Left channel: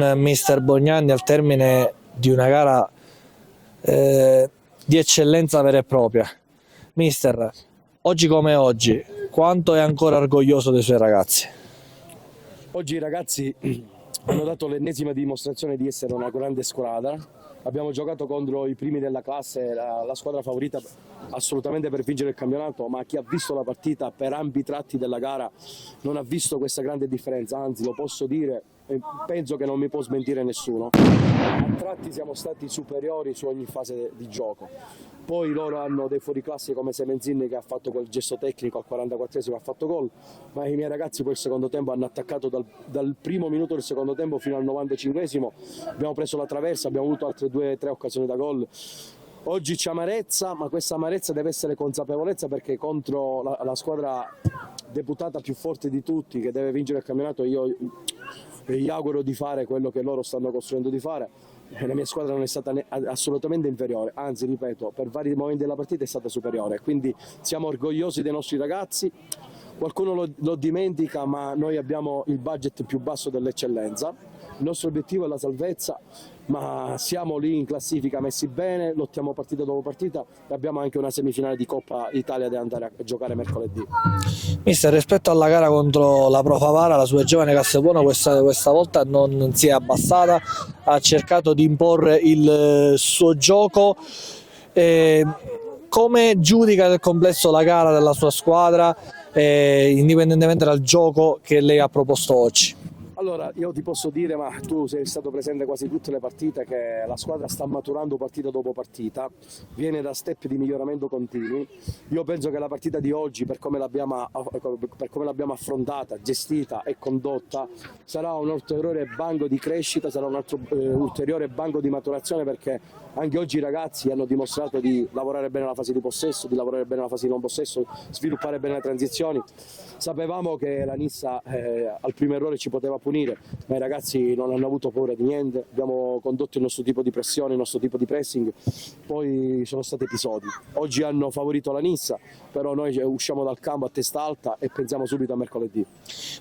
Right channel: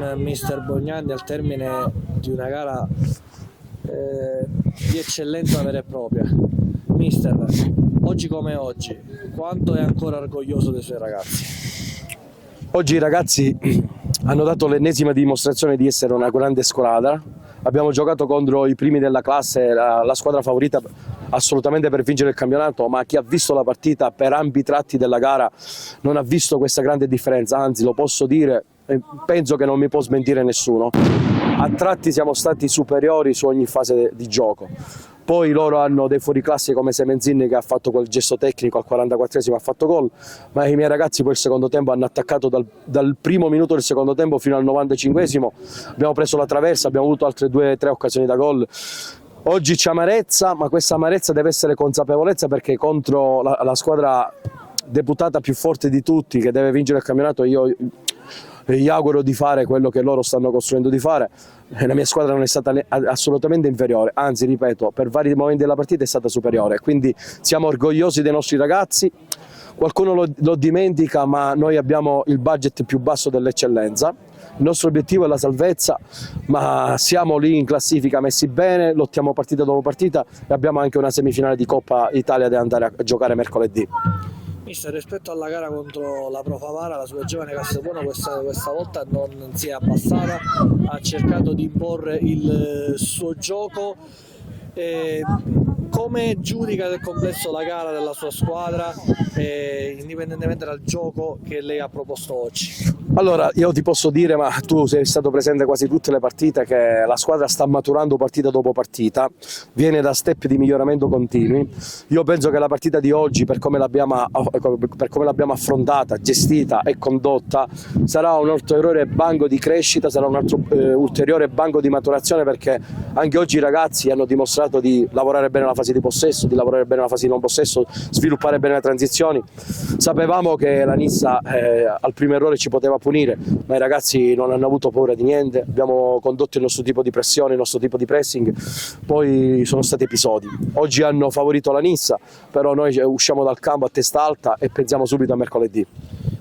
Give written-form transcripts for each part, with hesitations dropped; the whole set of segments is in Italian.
con mister Bognanni al termine di una gara di eccellenza vera e propria. Mister, oggi come oggi, quanto è ancora orgoglioso dei suoi ragazzi? Oggi i ragazzi hanno dato l'ennesima dimostrazione di essere una grande squadra. Abbiamo giocato contro i primi della classe, la squadra favorita assolutamente per vincere il campionato, ma chi ha visto la partita per ampi tratti della gara non ha visto questa grande differenza, anzi lo posso dire, penso che non mi può smentire nessuno. A tratti siamo stati superiori su ogni fase di gioco. Poi loro hanno dei fuoriclasse come Semenzini che ha fatto quel gesto tecnico al 44esimo, ha fatto gol, ma i miei ragazzi poi il secondo tempo hanno attaccato dal primo minuto del secondo tempo fino al 95esimo, abbiamo preso la traversa, abbiamo avuto altre 2-3 occasioni da gol. Oggi c'è amarezza, ma questa amarezza deve essere consapevolezza, perché contro la squadra deputata più forte di tutti che deve vincere il campionato io gli auguro di fare quello che loro stanno costruendo di fare. La mia squadra non è stata assolutamente inferiore, anzi ripeto, per vari momenti della partita è stata superiore, quindi siamo orgogliosi dei nostri ragazzi. Qualcuno lo dimentica, ma noi abbiamo il budget più basso dell'eccellenza. Il nostro obiettivo è la salvezza, ma siamo lì in classifica messi bene, lottiamo partita dopo partita e abbiamo anche una semifinale di Coppa Italia da andare a giocare mercoledì. Mister, rispetto alla gara contro la Pro Favara, la sua giovane Castelbuono questa volta non si è abbassata, ha cercato di imporre il suo gioco. Come giudica nel complesso la gara della sua squadra, indipendentemente dal gioco che lei ha proposto oggi? Allora, io ti posso dire, ma tu sei stato presente quasi tutte le partite, che la squadra sta maturando partita dopo partita, viene da step di miglioramento continui. Io penso che la partita di oggi, per come l'abbiamo affrontata, gestita e condotta, sarà un ulteriore banco di crescita, sarà un altro ulteriore banco di maturazione, perché anche oggi i ragazzi hanno dimostrato di lavorare bene la fase di possesso, di lavorare bene la fase di non possesso, sviluppare bene le transizioni. Sapevamo che la Nissa al primo errore ci poteva punire, ma i ragazzi non hanno avuto paura di niente, abbiamo condotto il nostro tipo di pressione, il nostro tipo di pressing, poi sono stati episodi. Oggi hanno favorito la Nissa, però noi usciamo dal campo a testa alta e pensiamo subito a mercoledì.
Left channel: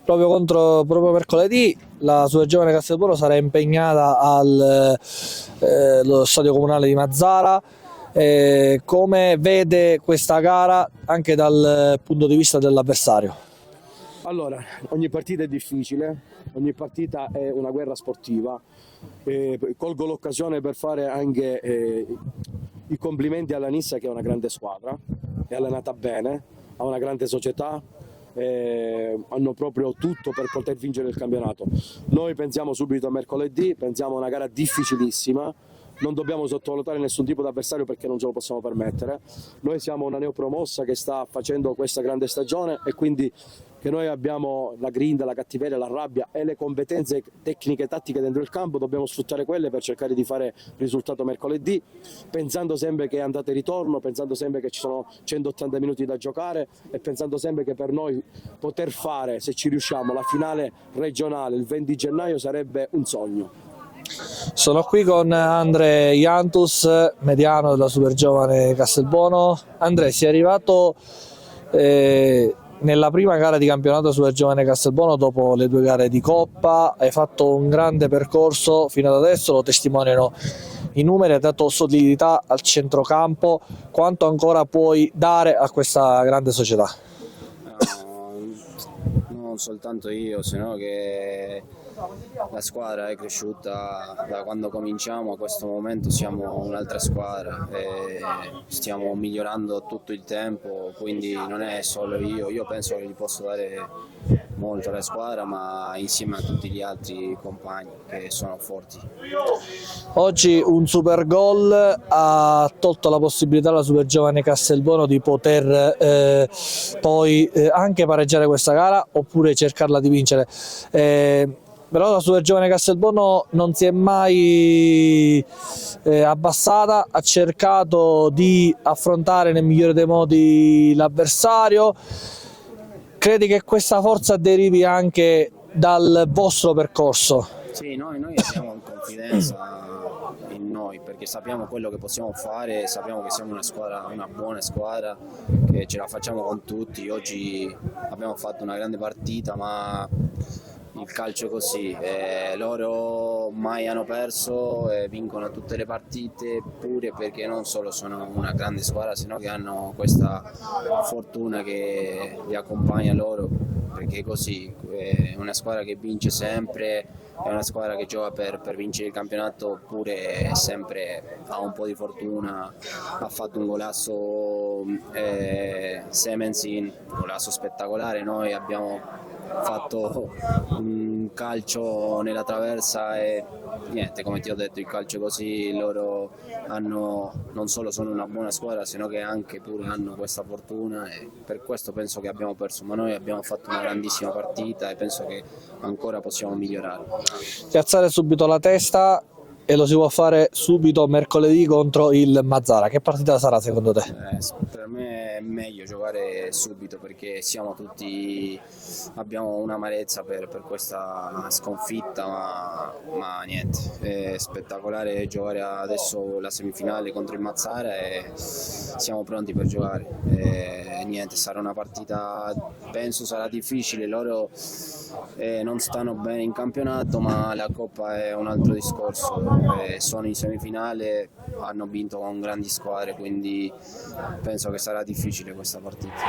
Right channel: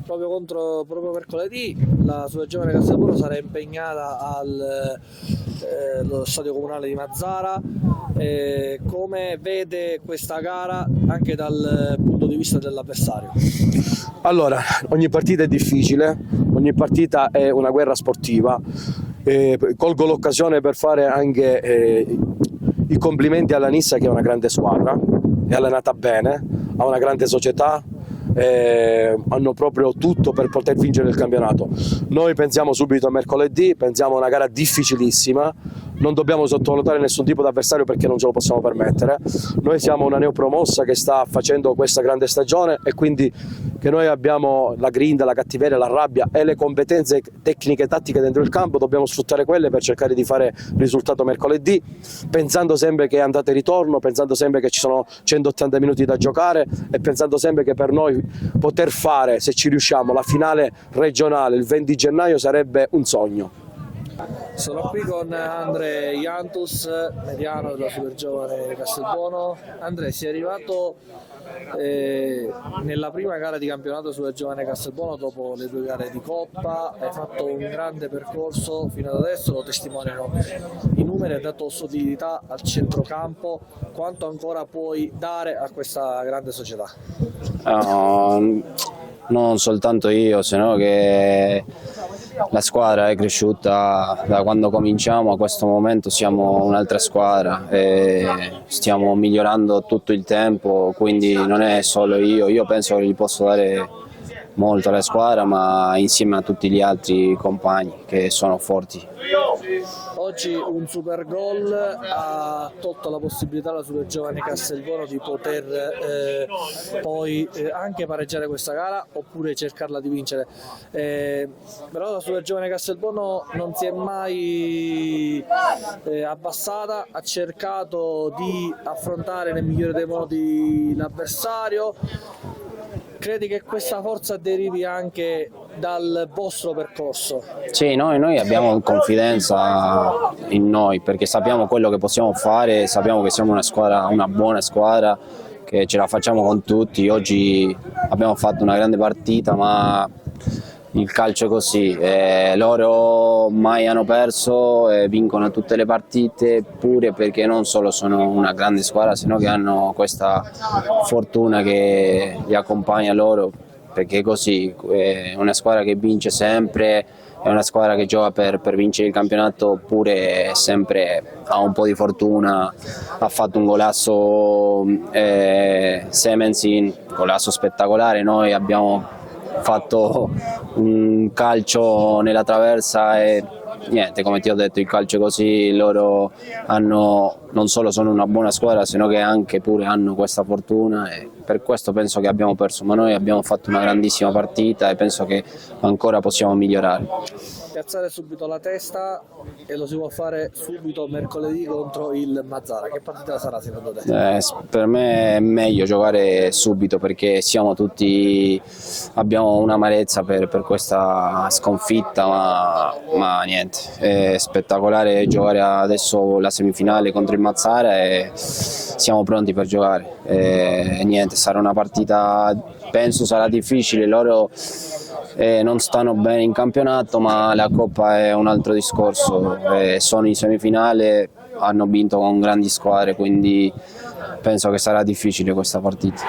Proprio mercoledì la sua giovane Castelbuono sarà impegnata allo stadio comunale di Mazzara. Come vede questa gara anche dal punto di vista dell'avversario? Allora, ogni partita è difficile, ogni partita è una guerra sportiva. Colgo l'occasione per fare anche i complimenti alla Nissa, che è una grande squadra, è allenata bene, ha una grande società, hanno proprio tutto per poter vincere il campionato. Noi pensiamo subito a mercoledì, pensiamo a una gara difficilissima, non dobbiamo sottovalutare nessun tipo di avversario perché non ce lo possiamo permettere. Noi siamo una neopromossa che sta facendo questa grande stagione e quindi che noi abbiamo la grinta, la cattiveria, la rabbia e le competenze tecniche e tattiche dentro il campo, dobbiamo sfruttare quelle per cercare di fare risultato mercoledì, pensando sempre che è andata e ritorno, pensando sempre che ci sono 180 minuti da giocare e pensando sempre che per noi poter fare, se ci riusciamo, la finale regionale il 20 gennaio sarebbe un sogno. Sono qui con Andre Iantus, mediano della Super Giovane Castelbuono. Andre, sei arrivato nella prima gara di campionato Super Giovane Castelbuono dopo le 2 gare di Coppa, hai fatto un grande percorso fino ad adesso, lo testimoniano i numeri, hai dato solidità al centrocampo. Quanto ancora puoi dare a questa grande società? Non soltanto io, sino che la squadra è cresciuta da quando cominciamo a questo momento, siamo un'altra squadra e stiamo migliorando tutto il tempo, quindi non è solo io penso che gli posso dare molto alla squadra, ma insieme a tutti gli altri compagni che sono forti. Oggi un super gol ha tolto la possibilità alla Super Giovane Castelbuono di poter poi anche pareggiare questa gara oppure cercarla di vincere. Però la Super Giovane Castelbuono non si è mai abbassata, ha cercato di affrontare nel migliore dei modi l'avversario. Credi che questa forza derivi anche dal vostro percorso? Sì, noi abbiamo confidenza in noi perché sappiamo quello che possiamo fare, sappiamo che siamo una squadra, una buona squadra, che ce la facciamo con tutti. Oggi abbiamo fatto una grande partita, ma il calcio è così, loro mai hanno perso e vincono tutte le partite, pure perché non solo sono una grande squadra, sino che hanno questa fortuna che li accompagna loro, perché è così, è una squadra che vince sempre, è una squadra che gioca per vincere il campionato, oppure sempre ha un po' di fortuna. Ha fatto un golasso Semensin, golasso spettacolare. Noi abbiamo fatto un calcio nella traversa e niente, come ti ho detto, il calcio è così, loro non solo sono una buona squadra, sino che anche pure hanno questa fortuna, e per questo penso che abbiamo perso, ma noi abbiamo fatto una grandissima partita e penso che ancora possiamo migliorare. Piazzare subito la testa, e lo si può fare subito mercoledì contro il Mazzara. Che partita sarà secondo te? Per me è meglio giocare subito, perché abbiamo un'amarezza per questa sconfitta, ma niente, è spettacolare giocare adesso la semifinale contro il Mazzara e siamo pronti per giocare. Niente, sarà una partita, penso sarà difficile, loro non stanno bene in campionato, ma la Coppa è un altro discorso. Sono in semifinale, hanno vinto con grandi squadre, quindi penso che sarà difficile questa partita.